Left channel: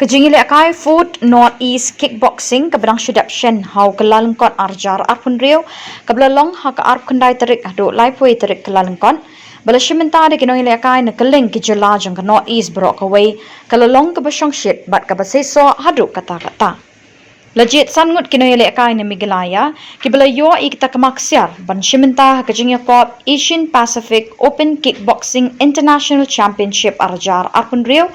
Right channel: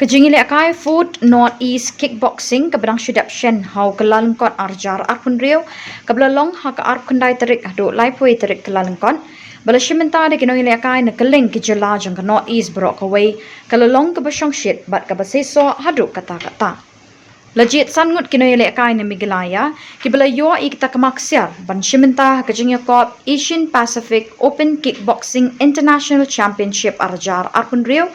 Kejingili akai Food North East Kickboxing keberang syedap shen hau kelalengkon arjar arpun riu kebelalong hak arp kendai terik adu laipui terik kelalengkon bala shimenta de kinong ili akai na keling kijela jang ke North East berok kawai kelalong ke besong syed bat ke baseso hadu kata-kata. Legit sangut kinong ili akai na migilaya kibala yo ikita kemaksiar ban shimenta kejingya kop Asian Pacific Open Kickboxing International Championship arjar arpun riu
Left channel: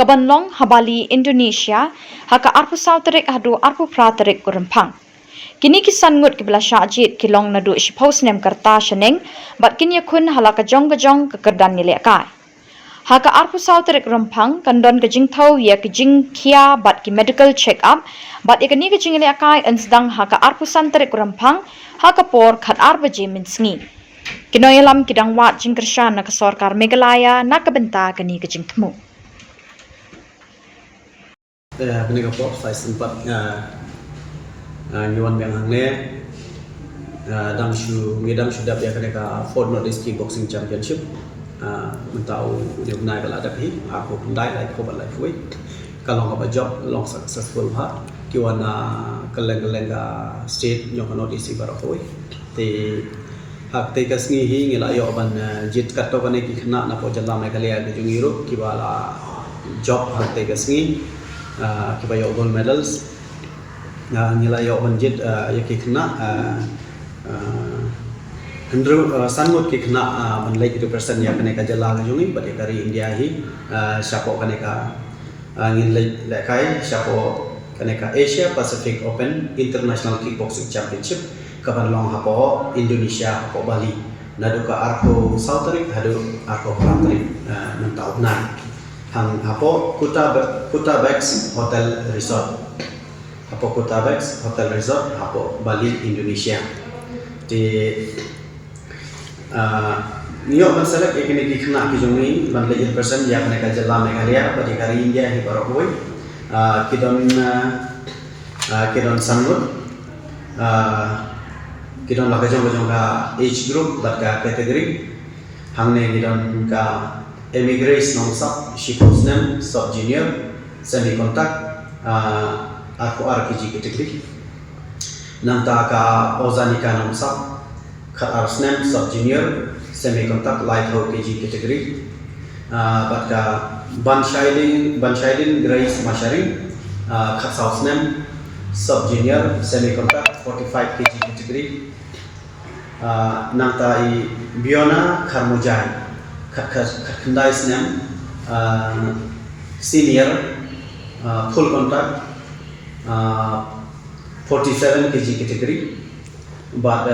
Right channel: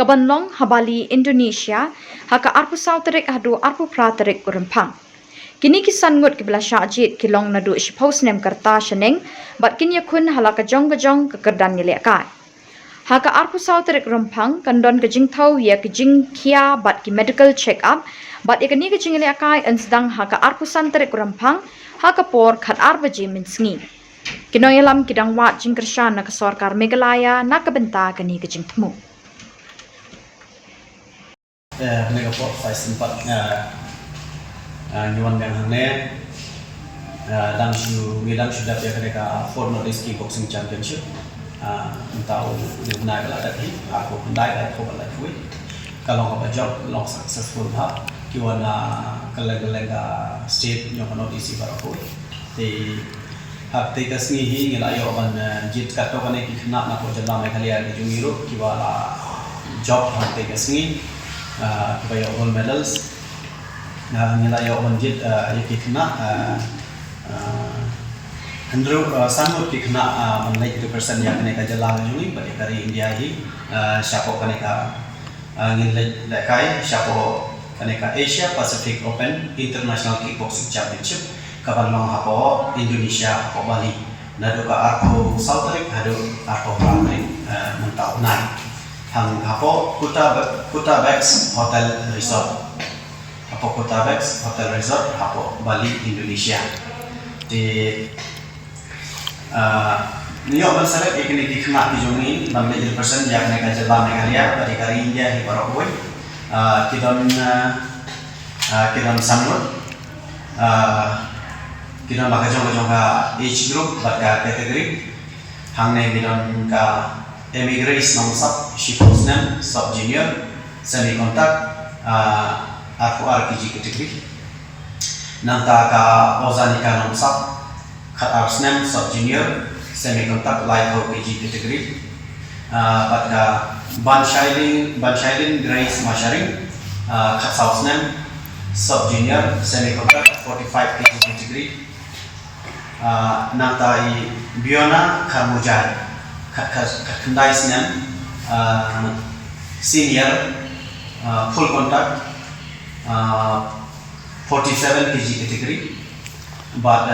Kabanlong Habali Indonesia haka arpu salterik hadu arpu praterik kurempang. Kini kisan ngut kibla syajit kilong nadu ishpaus nem kerta sheneng bat kini yakun halaka jong kekerdan nilai haka arpu salterik rempang kandon kejing tau ya kejing kia bat ki medical check up bat ikani kejing nilai akai ensdang haka arpu santerik rempang haka por khat arba jemin sengi. Kinoyalam kidang wat jingkershan na kesorkar Meghalaya na kebenta kani kejing temu. Kena kapok saya sempat nyuan yang hangne dang sudah ya kena ka Food North East Kickboxing Championship mentau dia naik bala dak hi aku handai lai ko bala fui kalau ngapa job long successful ha kiwan keleng ka state nyong North East baro fui ti hak te kasni hi ngila yo ban jit katto kane ki khna na ko jalla Meghalaya ke jungiru kiwala job hak te kasni kibaya gold medals nilai banjit yaki kena hendru sangut ki kena manlai 2% ya kene ka jala jungi bagi kari India hi siapa kene ka ngilai lekai siapa kene ka Asia Pacific Open International Kickboxing Championship kabanlong hapo Indonesia hapo Bali nadu ka arko Southerik hadu arko Praterik mentau nai hang hapo Kuta Bex Hotel Resort hapo Kuta Bex Hotel Resort hapo Bali Indonesia di niyo bansalat ikini kikna kijungi bambe person ya kena kajala Meghalaya bari kari India hi barokoi kidon sangut kidon lakajong ka age group baka kategori hangne kidon ka emigrate nong sub shipusnem sub junior semi contact aku RPG kategori nanta ka ozanika nong sub khat arsnem sub junior semi contact light ho KG kategori pada ban shailin grace masharing khat sausnem sub junior semi contact 45 kg kategori nanta i Biona Karmujai kendai snem senior full contact 47 kg kategori but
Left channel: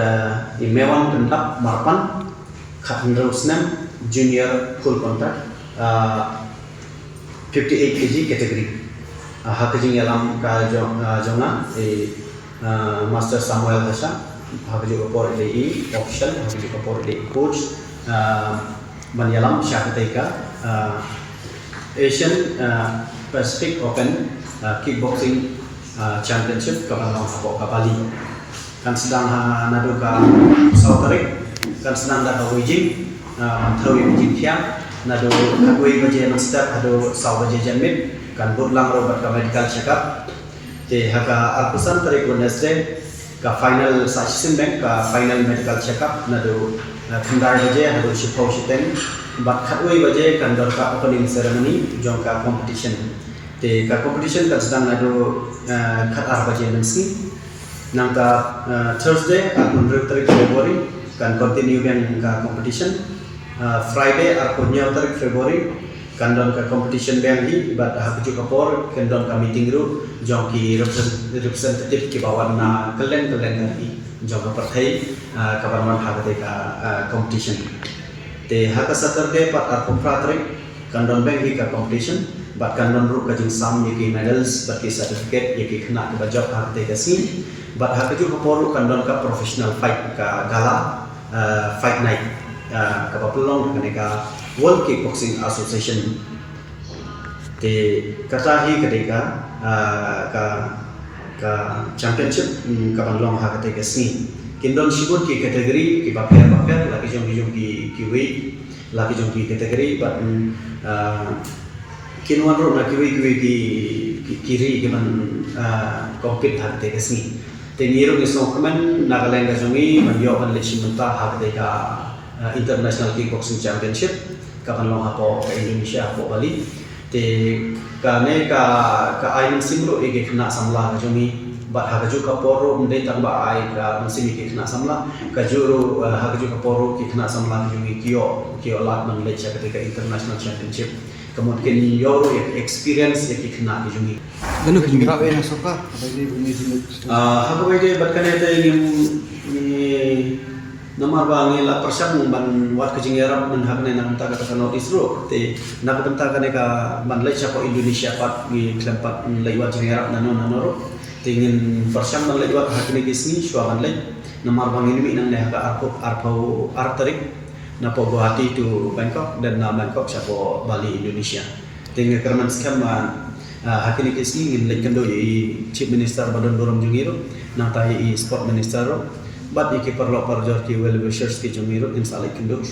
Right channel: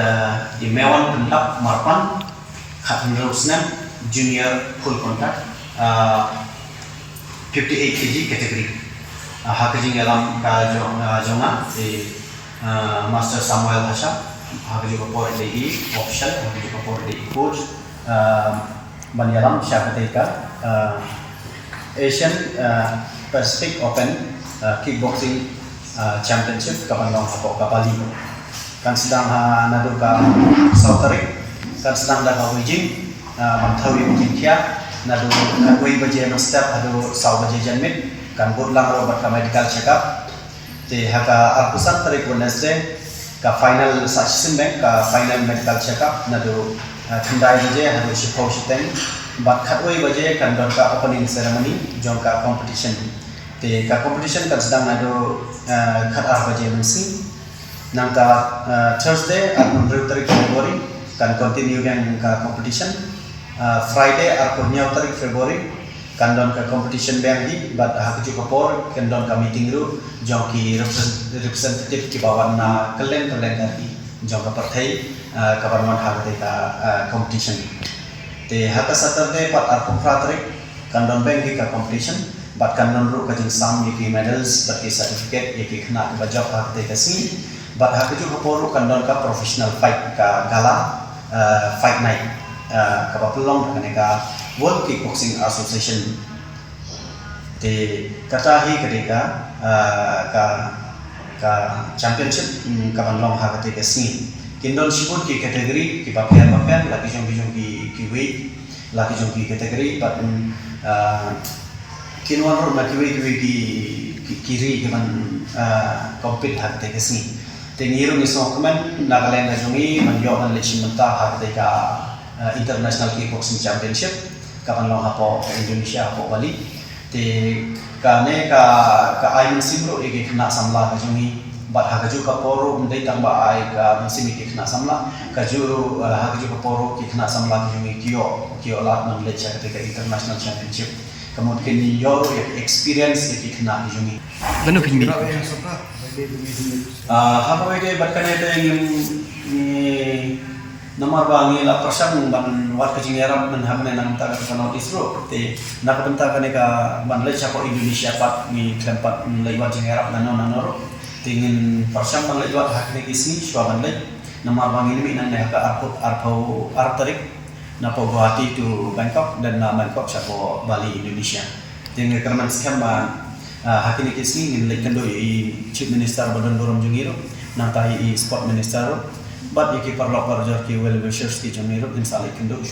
imewan kendap marpan khatndru snem junior full contact 58 kg kategori hakajing alam ka jonga master Samuel Hasha hakajing kapor DE option hakajing kapor DE coach Banyalam Syakateika Asian Pacific Open Kickboxing Championship kapanlong hapo kapali kan sedang nadu ka Southerik kan sedang dah Beijing mantau yang Beijing kia nadu kadui baje step adu sau baje janmit kan budlang robat ka medical check up te haka arpusan tarik Wednesday ka final session bank ka final medical check up nadu kendai baje hadu shipau shiteng bat khatwei baje kan don ka opening ceremony jong ka competition te ka competition kan sedang nadu khat ar baje mensi nang ta Thursday arpun 3 February kan continue yang ka competition Friday arpun 9 February kan don ka competition bang hi bat hakju kapor kan don ka meeting ru jong ki representative ki bawan na keleng kari jong ka partai kabarman hagate ka competition te haka Saturday pat arpo Praterik kan don bang hi ka competition bat kan don ru ka jing sam ki medals bat ki certificate ki khna ka job hagate ka si bat hakju kapor kan don ka professional fight ka gala fight night ka pelong ka World Kickboxing Association te kata hi ketika ka championship ka banglong ha ketika sini kindon sibut ki kategori ki baper laki jong ki weight laki jong ki kategori but kinwan ro na ki weight ki kiri ke man compete hak te kesni tengiru ni so kemen Nagaland ka jungi man yo man lechi menta hak te ka international kickboxing championship kapan long hapo ke Indonesia hapo Bali te kane ka ayun simro ege kena samla ka jungi bat hakaju ka poro ndai tamba ai ka simi ke kena samla ka juru hakaju ka poro ke kena samla ka jungi kio lat man lecha ka international championship kemudian yoro ya experience ya kena ka jungi Lano kinmi. Hako ide bat kane te yung nomor bangi la persang ban wat kajing yarap man hakne nang taga ka notice ro te nakabenta kane ka ban lecha ko Indonesia pat ni klempat laiwat jing yarap nano ro tingin persang man laiwat hakne kisni swaban lay nomor bangi ni nang ne ka arpo artarik na po Guwahati to Bangkok dan na Bangkok sa po Bali Indonesia tingin kerman skam hakini kisni ngin lay kando i chief minister badan dorom jungiro nang tayo i sport minister ro but iki perlo parjor ki well wishers ki jungiro inshallah kendo